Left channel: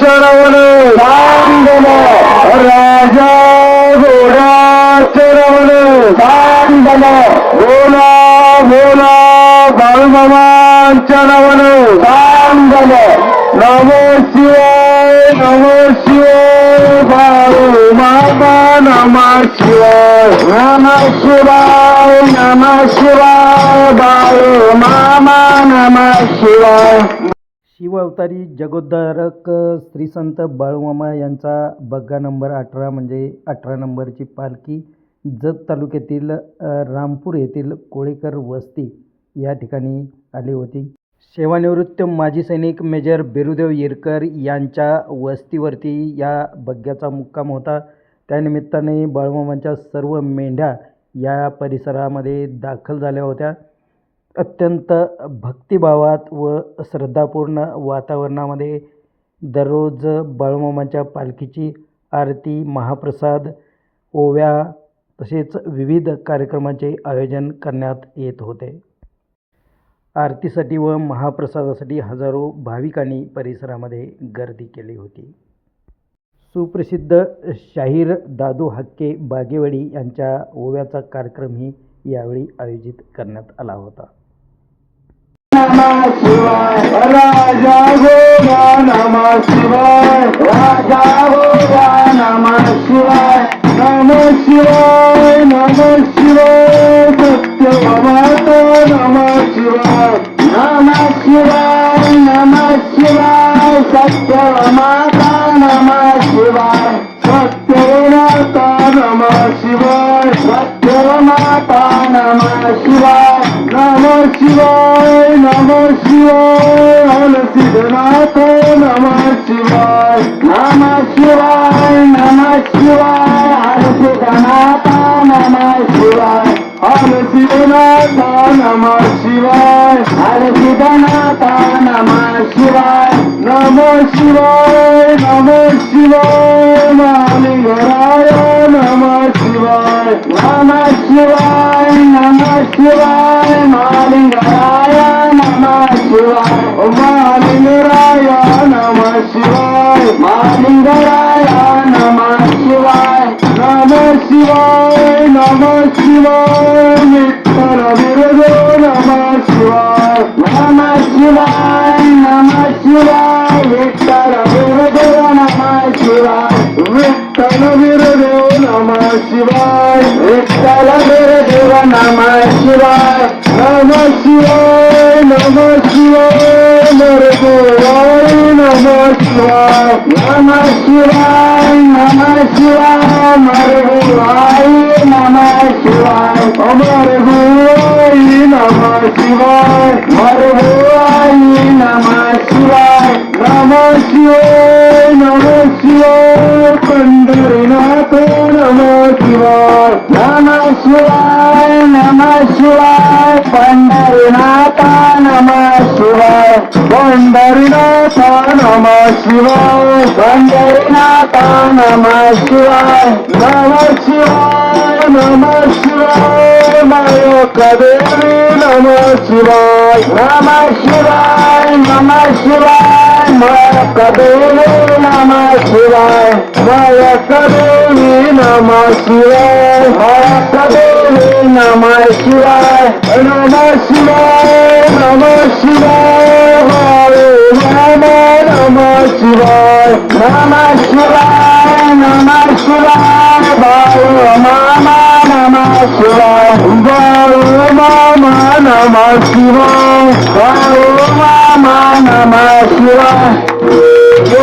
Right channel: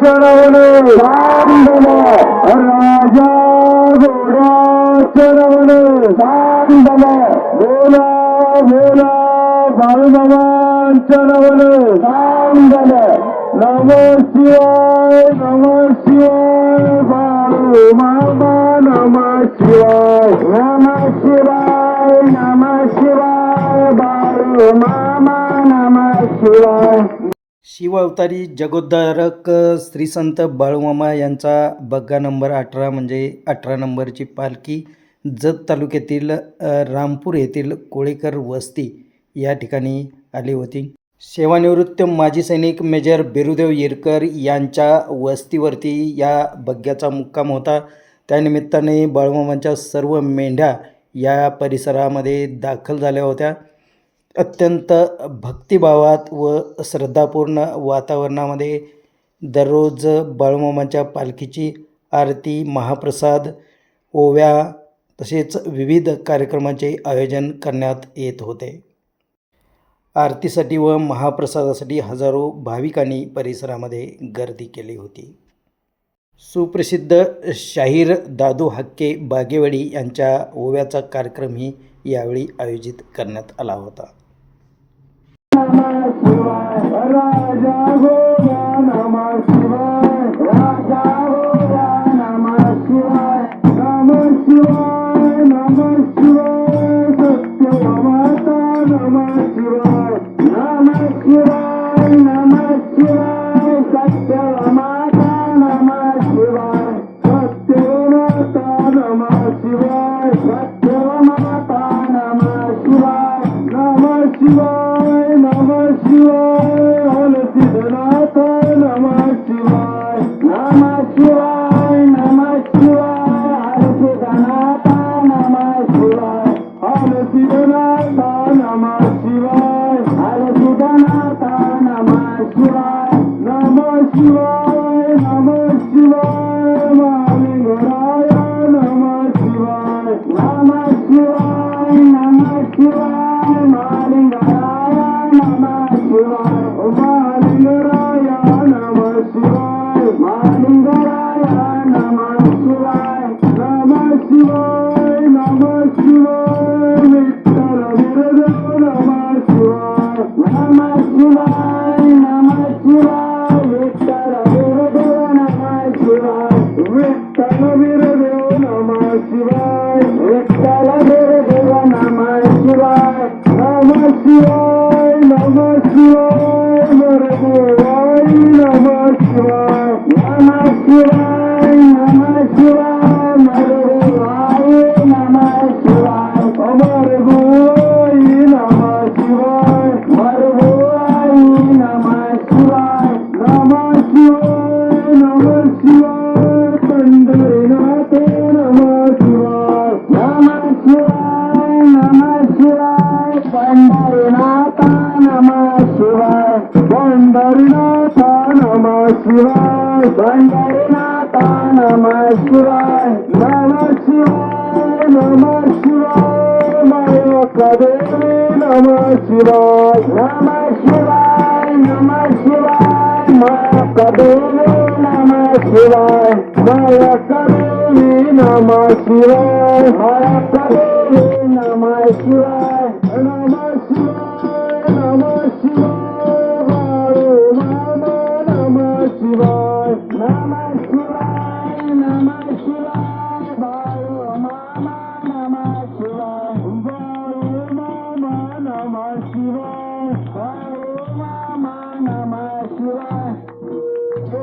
ಚರವನು ಸಾಂಬನ ರಾಜ ಗೋಡಾಚರವನು ಸಾಂಬನ ಗೋಲ ಗೋಲ ಬಲ್ಮವಾಂಚನವನು ಸಾಂಬನ ನಮೋ ಶಿವಾಯ ನಮೋ ಶಿವಾಯ ಬಾಬು ನಾಮ ನಮ ಶಿವಾಯ शिवअवतारी जगोद्धारक श्रीसंत बाळूमामा यांचा बग्गा नंबर अठरा म्हणजे अठरा नंबरची पालखी जत तालुक्यातील रामपूर येथील कोळेकर वस्ती या ठिकाणी आली होती. सेवानिवृत्त माजी सैनिक मेजर बेरुदेव येरकर यांच्या वस्तीवरती या बग्ग्याचा मुक्काम होता. त्यानिमित्ताने बाळूमामांच्या सर्व मेंढ्या या परिसरामध्ये दाखल झाल्या होत्या. अत्यंत भक्तिभावात व श्रद्धापूर्ण वातावरणामध्ये दररोज बाळूमामांच्या पालखीची आरती महाप्रसाद ओव्या तसेच विविध कार्यक्रमाचे आयोजन करण्यात येत होते. आरतीसाठी व महाप्रसादासाठी हजारो भाविकांनी परिसरामध्ये गर्दी केली होती. सुप्रसिद्ध शाहीर दादू हक्के बागेवाडी यांच्या ओव्याचा कार्यक्रमही यावेळी आयोजित करण्यात आला होता. नमः शिवाय राजा गोगा नमः शिवाय Amen. Thank you.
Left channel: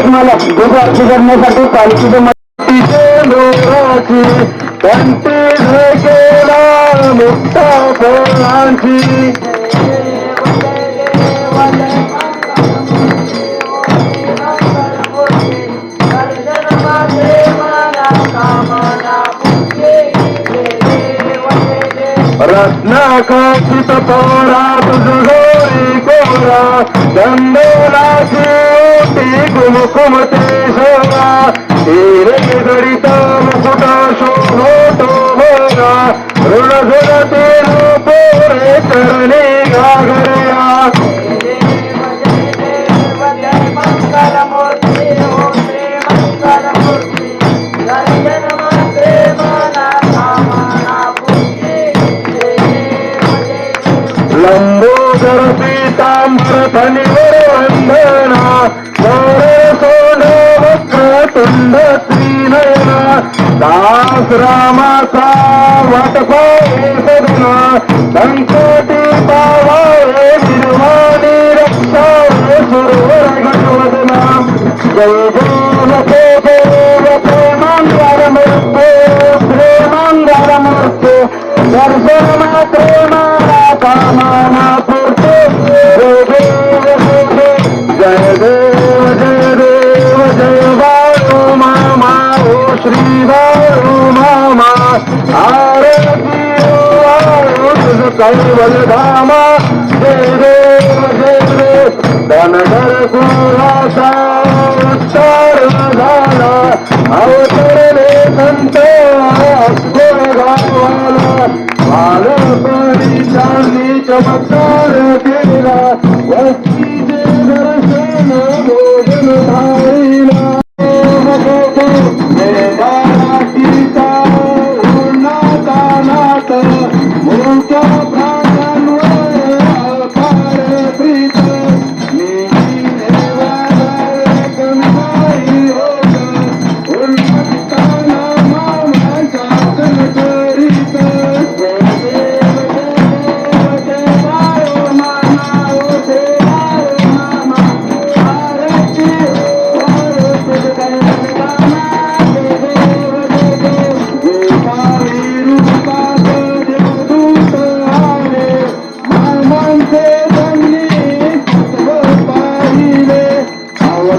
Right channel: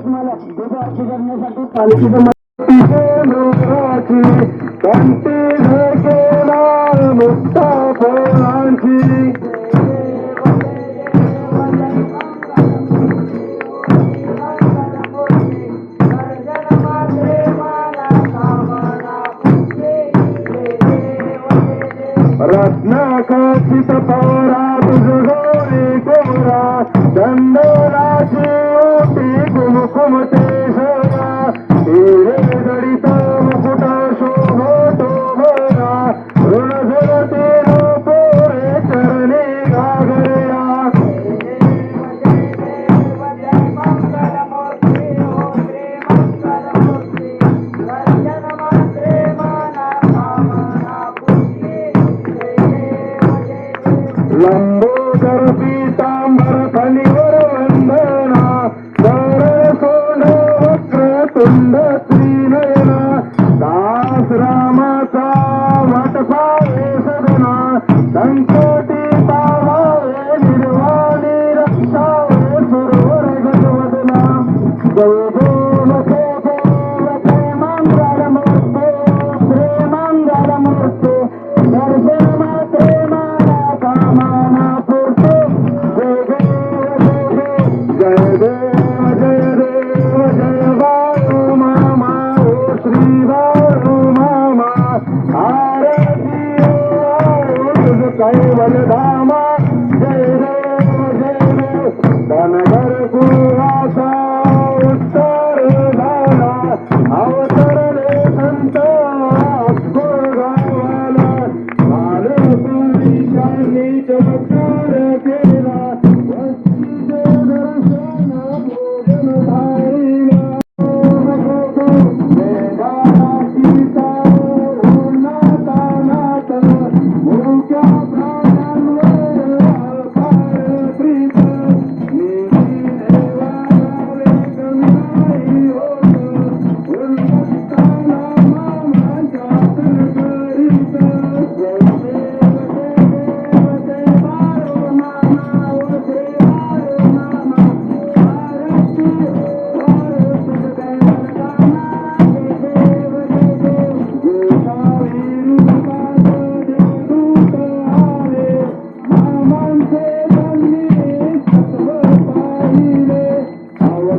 मला दुपारची करण्यासाठी पालखीचे कंटी केला मुक्ता फुलांची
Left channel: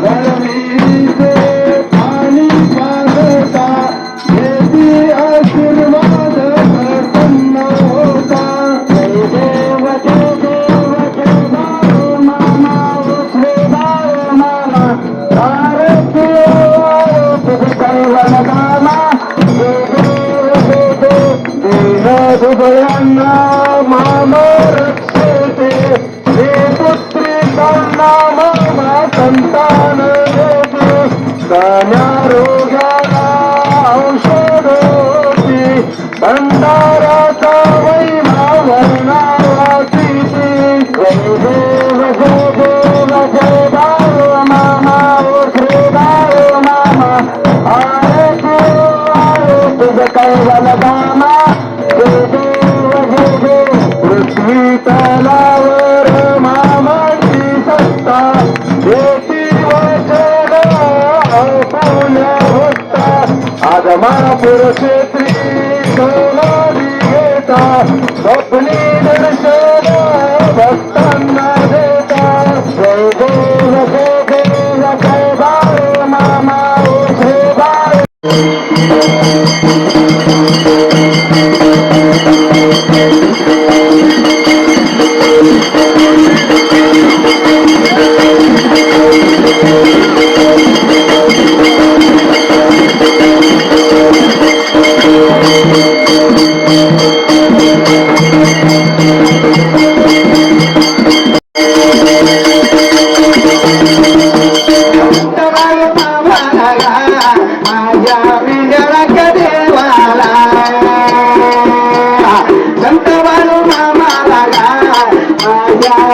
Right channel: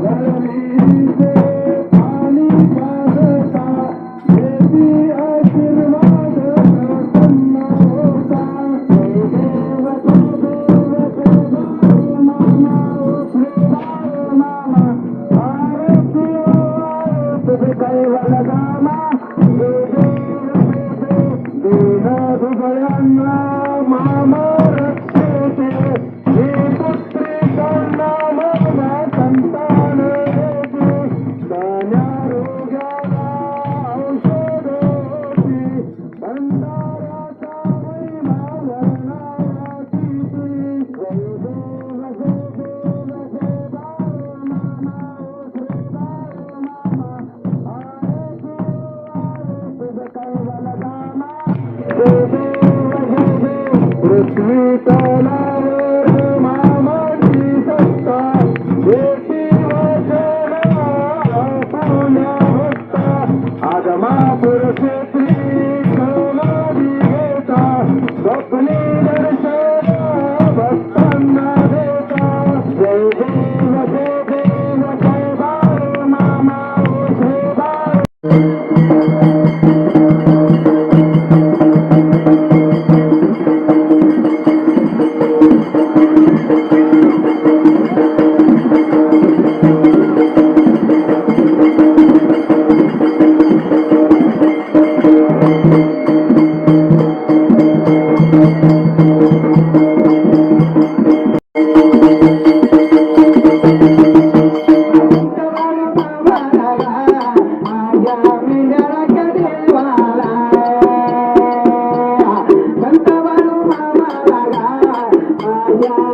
One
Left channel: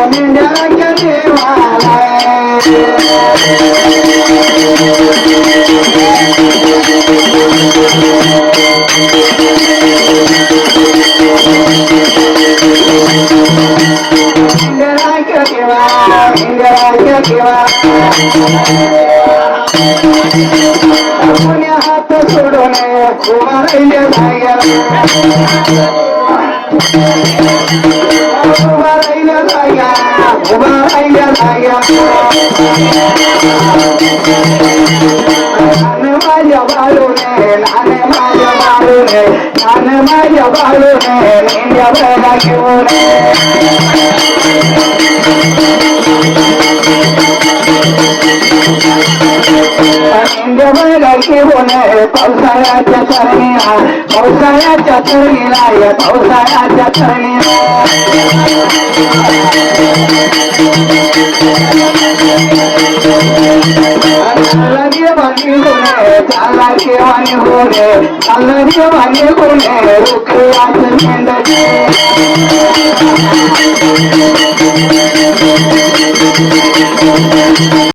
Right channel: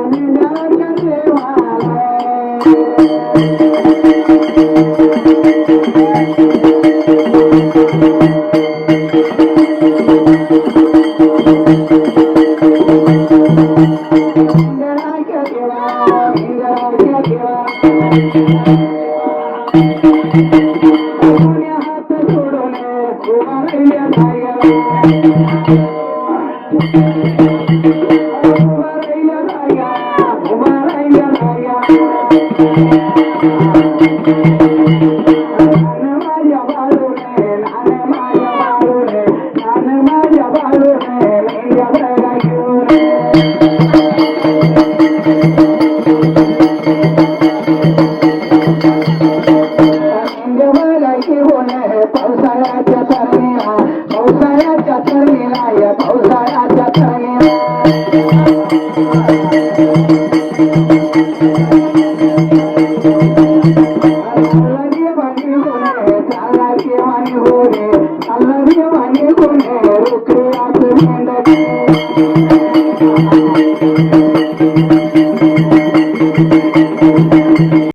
पुण्य हात सोडून कुमार भाग्या माझ्या बाळू मेंढ्या बरा घेऊन मेंढ्या बरा घेऊन पावसाळ्याच्या तरणीला पावसाळ्याच्या तरणीला या